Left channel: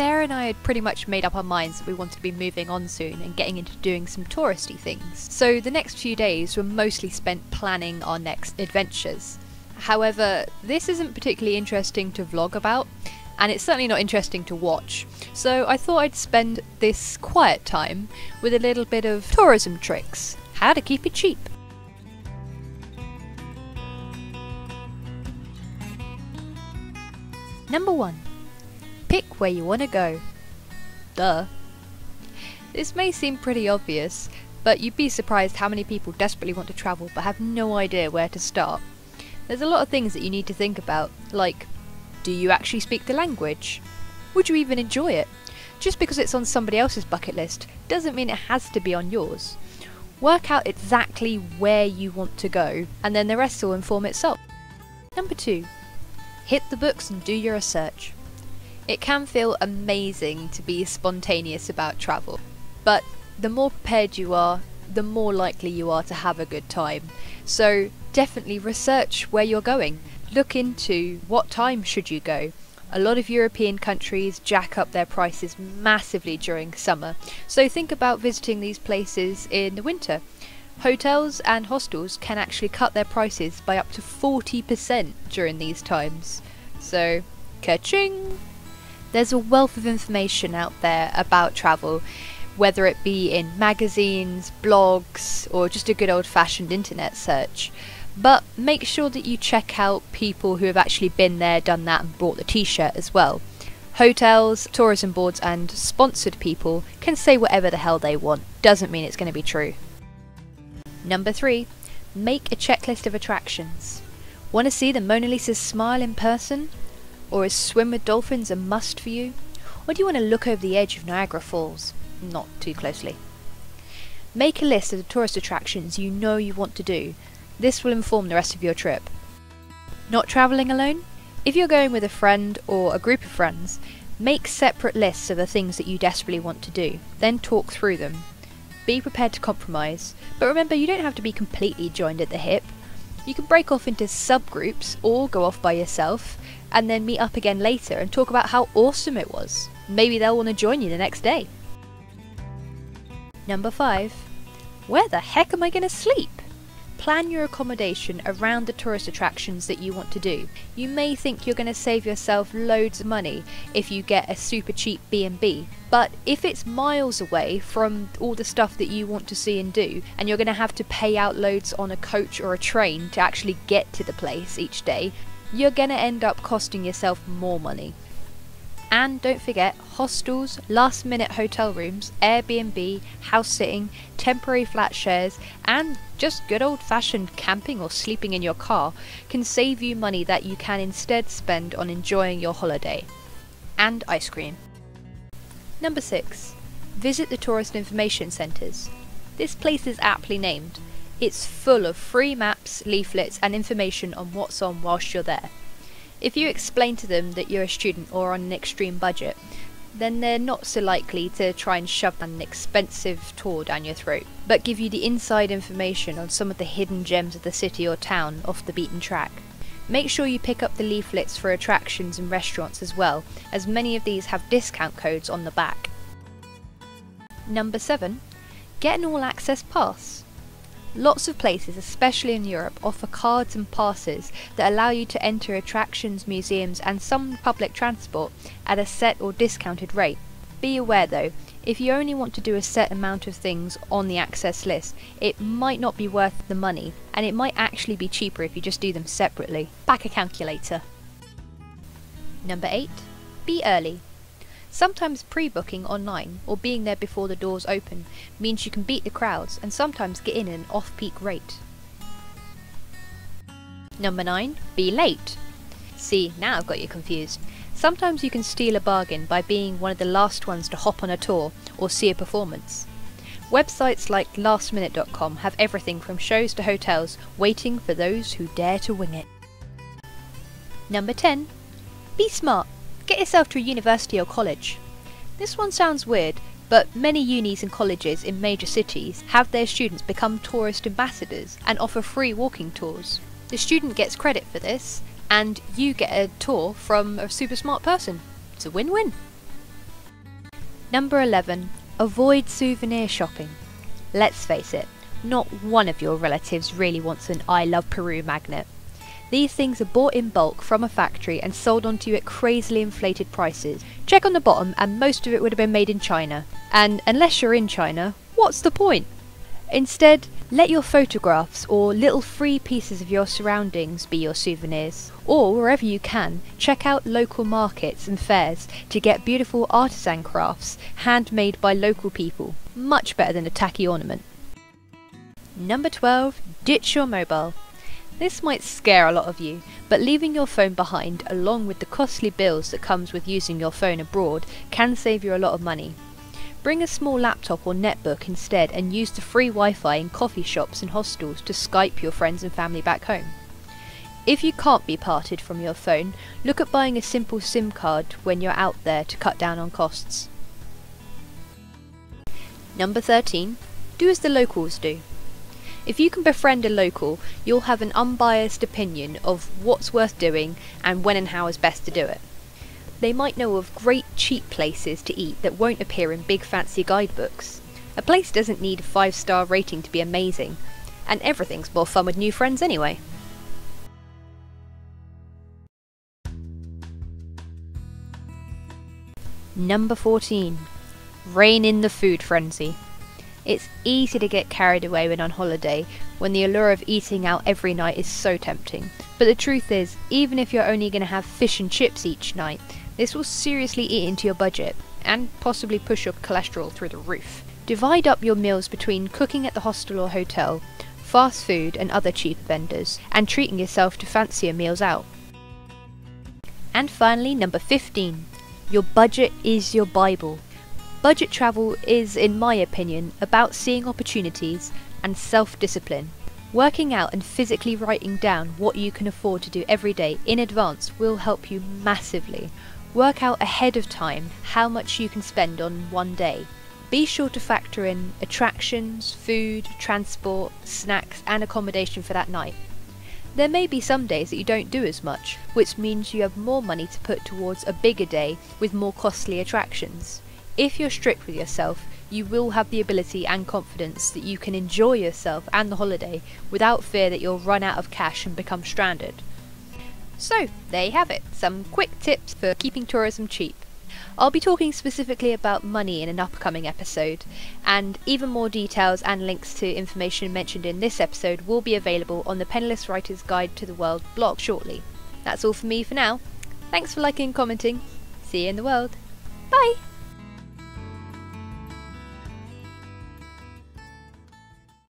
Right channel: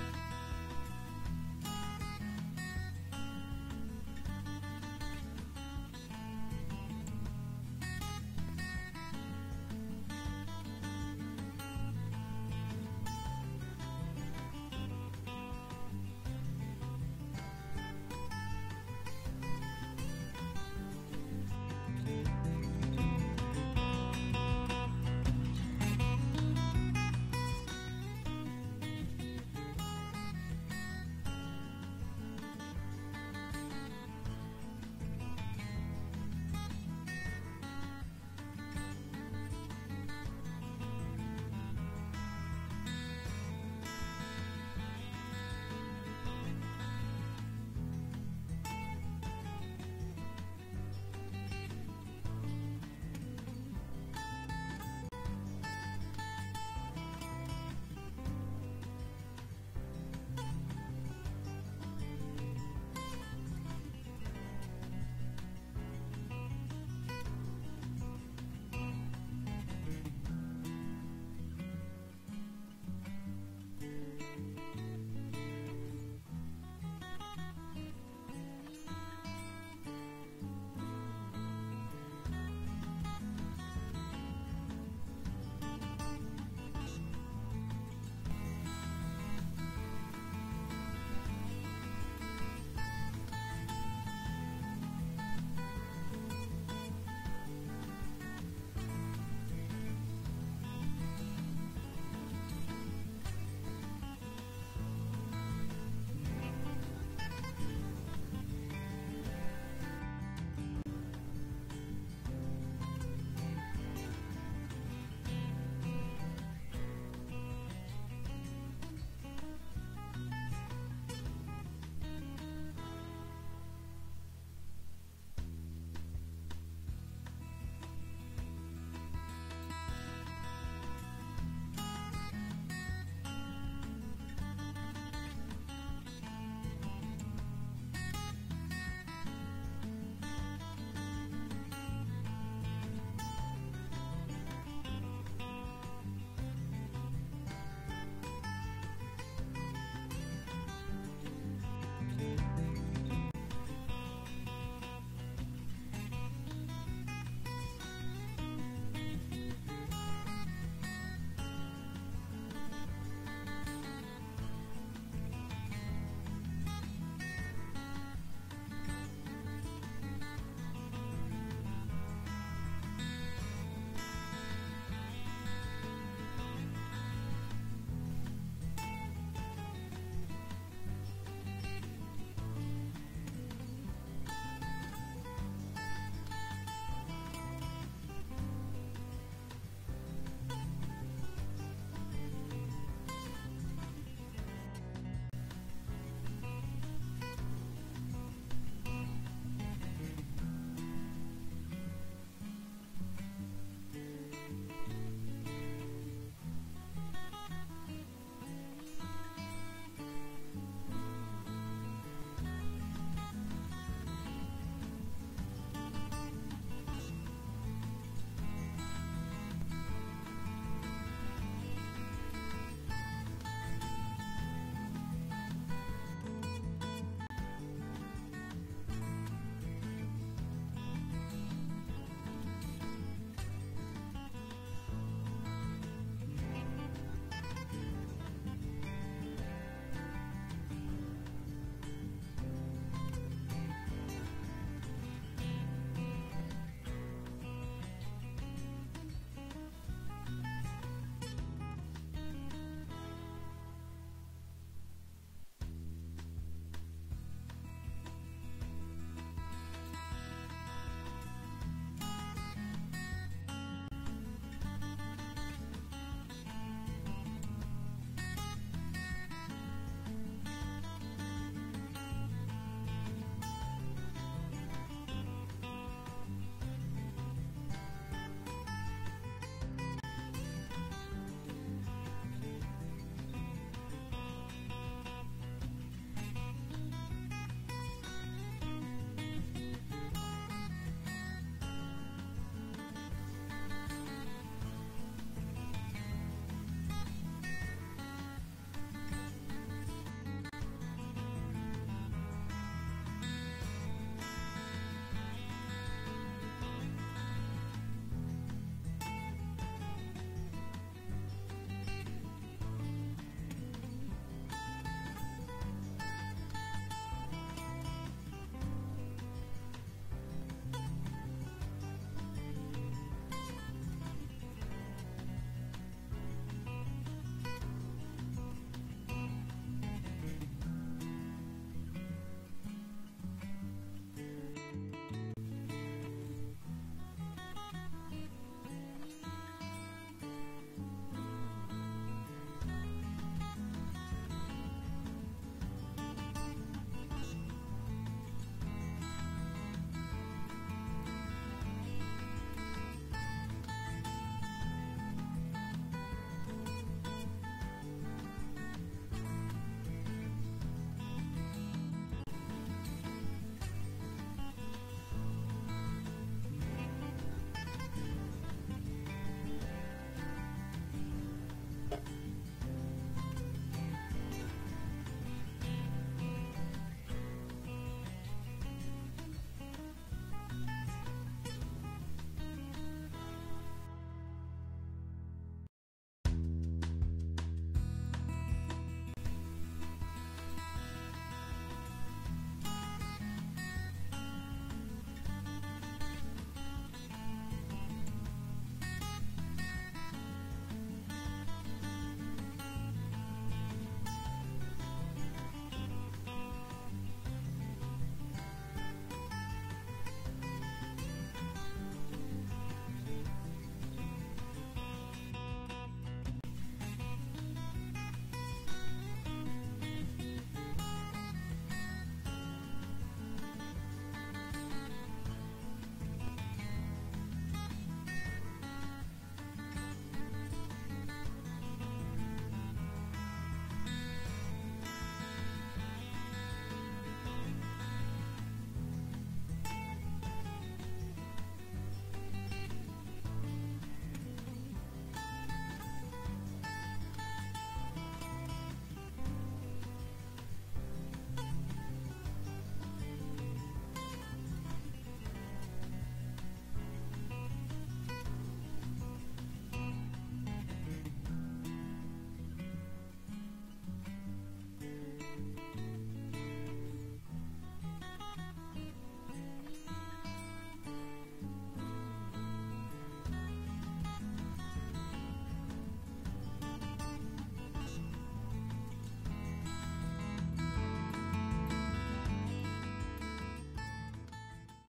Sarah and I had pretty much made up our minds that we wanted to be moving on soon and getting into doing some touristy things. So the next few days were mostly spent planning our next adventures. However, this isn't particularly interesting to vlog about, and it's certainly not interesting to watch. So I thought I'd spend this quiet time with a little bit of tourism tricks. How to keep it cheap. Number 1. Pick where you want to go. Duh. This may seem pretty obvious, but you'd be surprised how many people desperately want to travel but have no idea where to start. There's a lot of things that you need to think about, like, do you actually speak the language? Would you even enjoy it? Just because it's on somebody else's bucket list doesn't mean it has to be on yours. Work out exactly where you want to go, and then the rest will inform itself. Number 2. Hit the books and do your research. It can feel amazing to be spontaneous about travel, but the more prepared you are, the more likely you are to have a good time. So definitely research where you're going. Look into what time should you go. A lot of European countries jack up their prices massively during summer, so think about visiting these places in the winter. Hotels and hostels can actually cut their prices by up to 40% during these times. So, ka-ching! There's a wealth of information out there about travel, whether it be in magazines, blogs, or just a good old-fashioned internet search. But make sure that you check out people who have actually been there, done that, and bought the t-shirt as well. Hotels, tourism boards, and sponsored people can say whatever the hell they want. Doesn't mean it's going to be true. Number 3. Make a checklist of attractions. Want to see the Mona Lisa's smile in person? Or is swim with dolphins a must for you? Or do you want to look over the edge of Niagara Falls? Not too closely. Make a list of the tourist attractions you know you want to do. This will inform the rest of your trip. Not travelling alone? If you're going with a friend or a group of friends, make separate lists of the things that you desperately want to do, then talk through them. Be prepared to compromise, but remember you don't have to be completely joined at the hip. You can break off into subgroups or go off by yourself, and then meet up again later and talk about how awesome it was. Maybe they'll want to join you the next day. Number 5. Where the heck am I going to sleep? Plan your accommodation around the tourist attractions that you want to do. You may think you're going to save yourself loads of money if you get a super cheap B&B, but if it's miles away from all the stuff that you want to see and do, and you're going to have to pay out loads on a coach or a train to actually get to the place each day, you're going to end up costing yourself more money. And don't forget, hostels, last minute hotel rooms, Airbnb, house sitting, temporary flat shares, and just good old fashioned camping or sleeping in your car can save you money that you can instead spend on enjoying your holiday. And ice cream. Number 6. Visit the tourist information centres. This place is aptly named. It's full of free maps, leaflets, and information on what's on whilst you're there. If you explain to them that you're a student or on an extreme budget, then they're not so likely to try and shove an expensive tour down your throat, but give you the inside information on some of the hidden gems of the city or town off the beaten track. Make sure you pick up the leaflets for attractions and restaurants as well, as many of these have discount codes on the back. Number 7. Get an all-access pass. Lots of places, especially in Europe, offer cards and passes that allow you to enter attractions, museums, and some public transport at a set or discounted rate. Be aware though, if you only want to do a set amount of things on the access list, it might not be worth the money, and it might actually be cheaper if you just do them separately. Back a calculator. Number 8. Be early. Sometimes pre-booking online or being there before the doors open means you can beat the crowds and sometimes get in at an off-peak rate. Number 9. Be late. See, now I've got you confused. Sometimes you can steal a bargain by being one of the last ones to hop on a tour or see a performance. Websites like lastminute.com have everything from shows to hotels waiting for those who dare to wing it. Number 10. Be smart. Get yourself to a university or college. This one sounds weird, but many unis and colleges in major cities have their students become tourist ambassadors and offer free walking tours. The student gets credit for this, and you get a tour from a super smart person. It's a win-win. Number 11. Avoid souvenir shopping. Let's face it, not one of your relatives really wants an I Love Peru magnet. These things are bought in bulk from a factory and sold onto you at crazily inflated prices. Check on the bottom and most of it would have been made in China. And unless you're in China, what's the point? Instead, let your photographs or little free pieces of your surroundings be your souvenirs. Or wherever you can, check out local markets and fairs to get beautiful artisan crafts handmade by local people. Much better than a tacky ornament. Number 12. Ditch your mobile. This might scare a lot of you, but leaving your phone behind along with the costly bills that comes with using your phone abroad can save you a lot of money. Bring a small laptop or netbook instead and use the free Wi-Fi in coffee shops and hostels to Skype your friends and family back home. If you can't be parted from your phone, look at buying a simple SIM card when you're out there to cut down on costs. Number 13. Do as the locals do. If you can befriend a local, you'll have an unbiased opinion of what's worth doing and when and how is best to do it. They might know of great cheap places to eat that won't appear in big fancy guidebooks. A place doesn't need a 5-star rating to be amazing, and everything's more fun with new friends anyway. Number 14. Rein in the food frenzy. It's easy to get carried away when on holiday, when the allure of eating out every night is so tempting. But the truth is, even if you're only going to have fish and chips each night, this will seriously eat into your budget, and possibly push your cholesterol through the roof. Divide up your meals between cooking at the hostel or hotel, fast food and other cheap vendors, and treating yourself to fancier meals out. And finally, number 15. Your budget is your Bible. Budget travel is, in my opinion, about seeing opportunities and self-discipline. Working out and physically writing down what you can afford to do every day in advance will help you massively. Work out ahead of time how much you can spend on one day. Be sure to factor in attractions, food, transport, snacks and accommodation for that night. There may be some days that you don't do as much, which means you have more money to put towards a bigger day with more costly attractions. If you're strict with yourself, you will have the ability and confidence that you can enjoy yourself and the holiday without fear that you'll run out of cash and become stranded. So, there you have it, some quick tips for keeping tourism cheap. I'll be talking specifically about money in an upcoming episode, and even more details and links to information mentioned in this episode will be available on the Penniless Writer's Guide to the World blog shortly. That's all from me for now. Thanks for liking and commenting. See you in the world. Bye!